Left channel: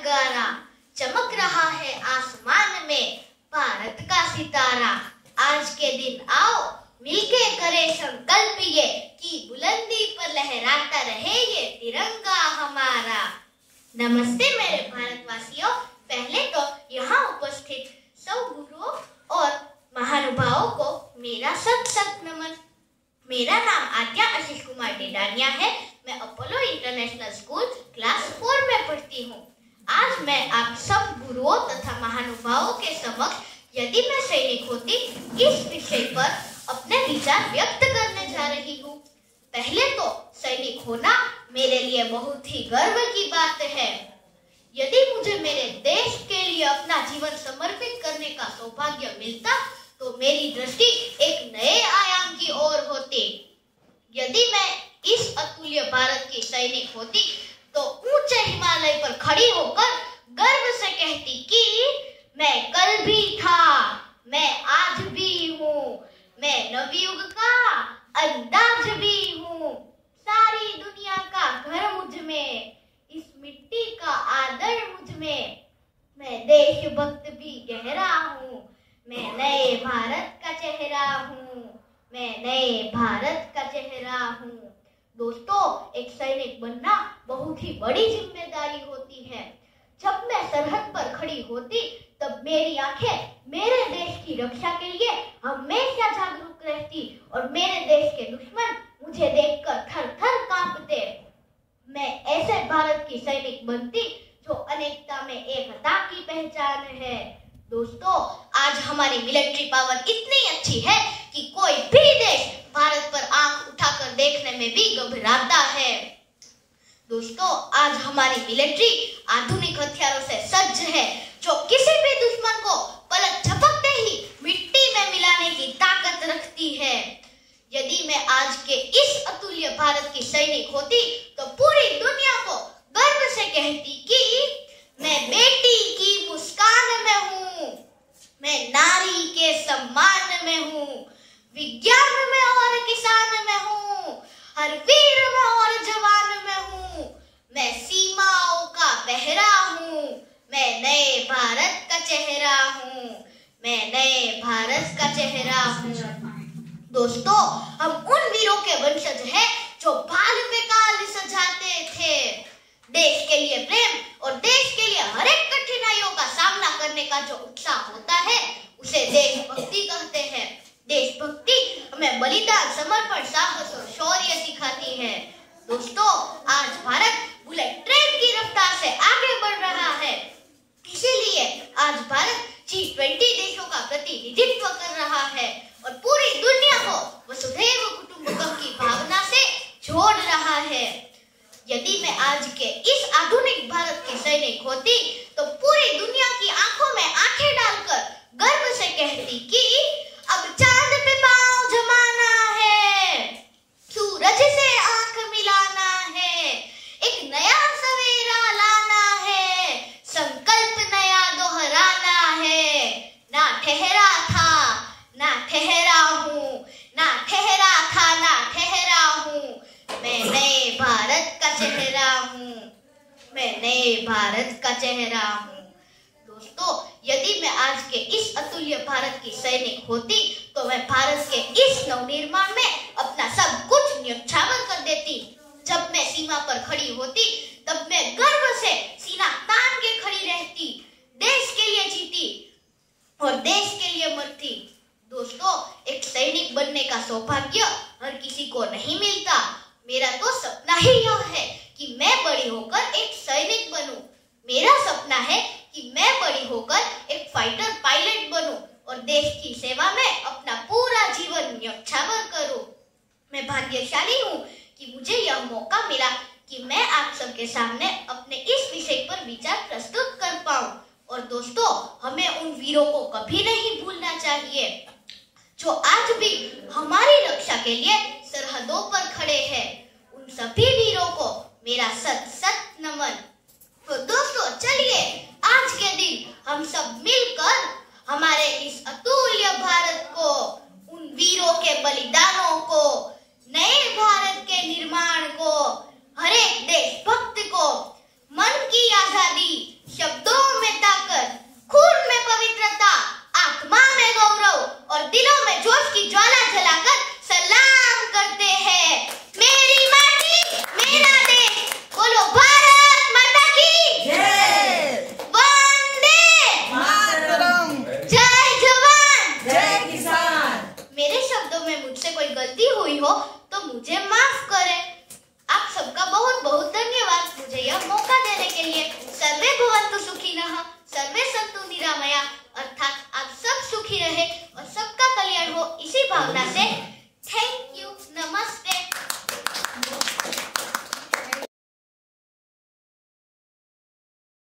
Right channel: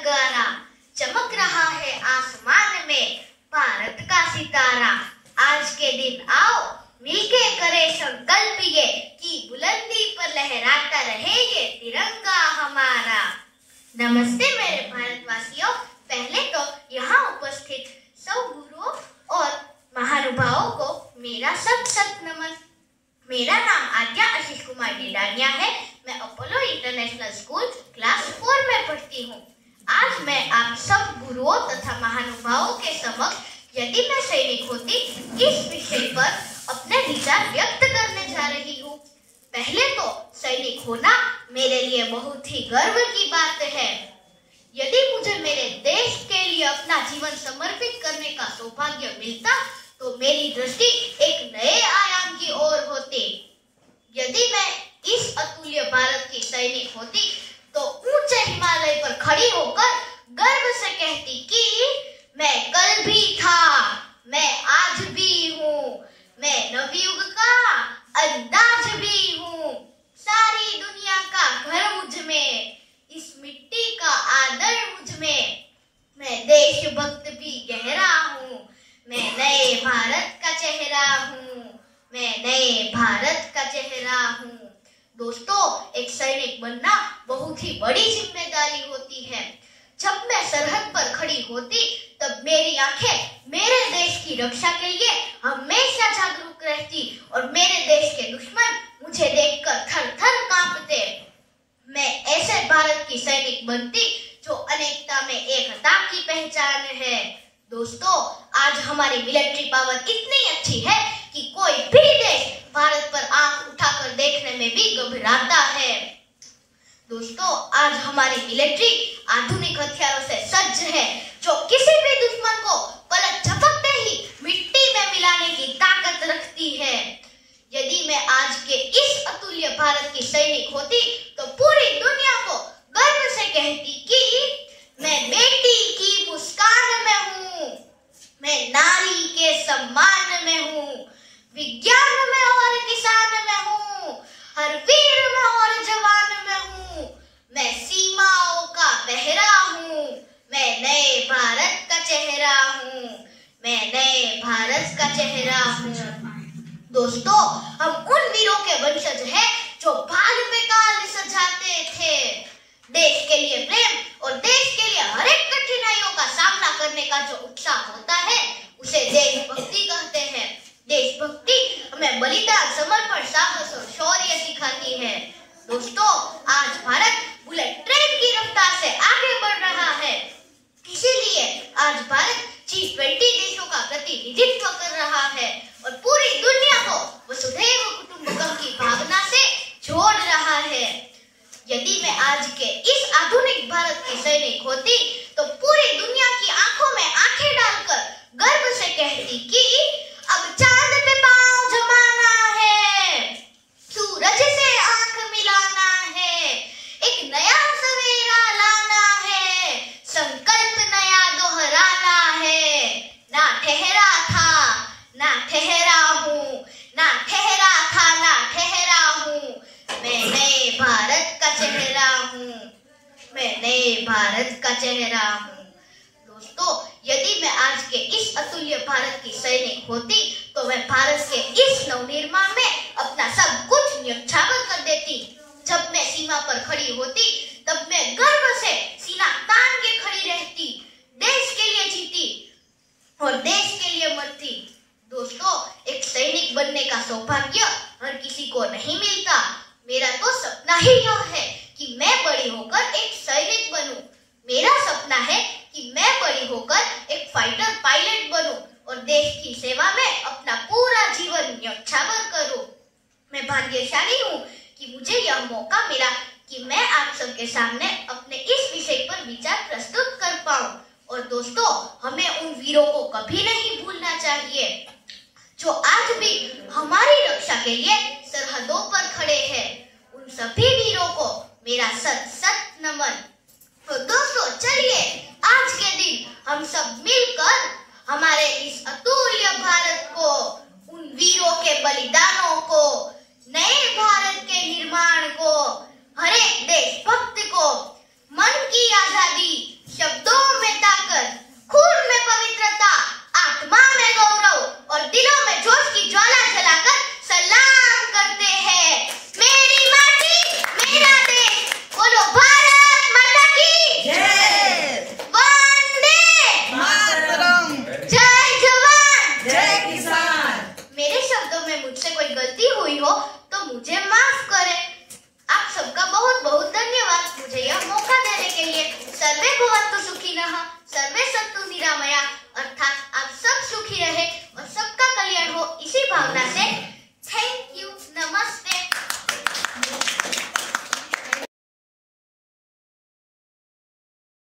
नगारा, चमक रहा है आसमान में भारत का सितारा। आज के दिन आओ मिलके करें संकल्प ये कि बुलंदी पर लहराता रहे ये तिरंगा हमारा। नमस्ते मेरे भारतवासियों, पहले तो यहाँ उपस्थित सब गुरुओं और महानुभावों को मेरा सत नमन। मेरा नाम आद्या आशीष कुमार डेडानिया है। मैं अपोलो इंटरनेशनल स्कूल क्लास 4 में पढ़ती हूँ। आज मैं आप सब गुरुओं तथा महानुभावों के समक्ष यदि मैं सैनिक होती इस विषय पर अपने विचार व्यक्त करने जा रही हूँ। पहले तो सैनिक होना मेरे लिए बहुत ही गर्व की बात है। यदि मुझे मेरे देश के लिए अपना जीवन समर्पित करने का सौभाग्य मिलता तो मेरी दृष्टि एक नए आयाम की ओर होती। यदि मैं इस अतुल्य भारत की सैनिक होती तो ऊंचे हिमालय पर खड़ी होकर गर्व से कहती कि मैं कल भी था, मैं आज भी हूँ, मैं नवयुग का अंदाज भी हूँ। सारी दुनिया का घर मुझ में, इस मिट्टी का आदर मुझ में, मैं देशभक्त भी गहरा हूँ, मैं नए भारत का चेहरा हूँ, मैं नए भारत का चेहरा हूँ। दोस्तों, एक सैनिक बनना बहुत ही बड़ी जिम्मेदारी होती है। जब मैं सरहद पर खड़ी होती तब मेरी आंखें मेरे देश की रक्षा के लिए हमेशा जागरूक रहती और मेरे देश के दुश्मन मुझे देखकर थर-थर कांपते। मैं ऐसे भारत की सैनिक बनती जो अनेकता में एकता की पहचान है। दोस्तों, आज हमारी मिलिट्री पावर इतनी अच्छी है कि कोई भी देश भारत पर आंख उठाकर देखने में भी घबराता है। दोस्तों, आज हमारी मिलिट्री आधुनिक हथियारों से सज्ज है जो किसी भी दुश्मन को पलक झपकते ही मिट्टी में मिलाने की ताकत रखती है। यदि मैं आज के इस अतुल्य भारत की सैनिक होती तो पूरी दुनिया को गर्व से कहती कि मैं बेटी की मुस्कान में हूँ, मैं नारी के सम्मान में हूँ, विज्ञान में और किसान में हूँ, हर वीर में और जवान में हूँ, मैं सीमाओं का पहरा हूँ, मैं नए भारत का चेहरा हूँ, मैं नए भारत का चेहरा हूँ। दोस्तों, हम उन वीरों के वंशज हैं जो भाल पे काल सजाते थे। देश के लिए प्रेम और देश के लिए हर एक कठिनाइयों का सामना करने का जो उत्साह होता है उसे देशभक्ति कहते हैं। देशभक्ति हमें बलिदान, समर्पण, साहस और शौर्य सिखाती है। दोस्तों, आज भारत बुलेट ट्रेन की रफ्तार से आगे बढ़ रहा है। इसीलिए आज भारत G20 देशों का प्रतिनिधित्व कर रहा है और पूरी दुनिया को वसुधैव कुटुंबकम की भावना से जोड़ रहा है। यदि मैं आज के इस आधुनिक भारत की सैनिक होती तो पूरी दुनिया की आंखों में आंखें डालकर गर्व से कहती कि अब चांद पे पांव जमाना है, सूरज से आंख मिलाना है, एक नया सवेरा लाना है, संकल्प नया दोहराना है। ना ठहरा था, ना ठहरा हूँ, ना ठहरा था, ना ठहरा हूँ, मैं नए भारत का चेहरा हूँ, मैं नए भारत का चेहरा हूँ। दोस्तों, यदि मैं आज के इस अतुल्य भारत की सैनिक होती तो मैं भारत के इस नवनिर्माण में अपना सब कुछ न्यौछावर कर देती। जब मैं सीमा पर खड़ी होती तब मैं गर्व से सीना तान के खड़ी रहती, देश के लिए जीती और देश के लिए मरती। दोस्तों, एक सैनिक बनने का सौभाग्य हर किसी को नहीं मिलता। मेरा तो सपना ही यह है कि मैं बड़ी होकर एक सैनिक बनूं। मेरा सपना है कि मैं बड़ी होकर एक फाइटर पायलट बनूं और देश की सेवा में अपना पूरा जीवन न्यौछावर करूं। मैं भाग्यशाली हूँ कि मुझे यह मौका मिला कि मैं आप सबके सामने अपने इस विषय पर विचार प्रस्तुत कर पाऊं। और दोस्तों, हमें उन वीरों को कभी नहीं भूलना चाहिए जो आज भी हमारी रक्षा के लिए सरहदों पर खड़े हैं। उन सभी वीरों को मेरा सत नमन। तो दोस्तों, चलिए आज के दिन हम सब मिलकर हमारे इस अतुल्य भारत को, उन वीरों के बलिदानों को, नए भारत के निर्माण को, हर एक देशभक्त को मन की आजादी, दिलों में जोश की ज्वाला जलाकर सलाम करते हैं। मेरी माटी मेरा देश, बोलो भारत माता की जय। वंदे मातरम। जय जवान जय किसान। मेरे शब्दों में मुझसे कोई गलती हुई हो तो मुझे माफ करें।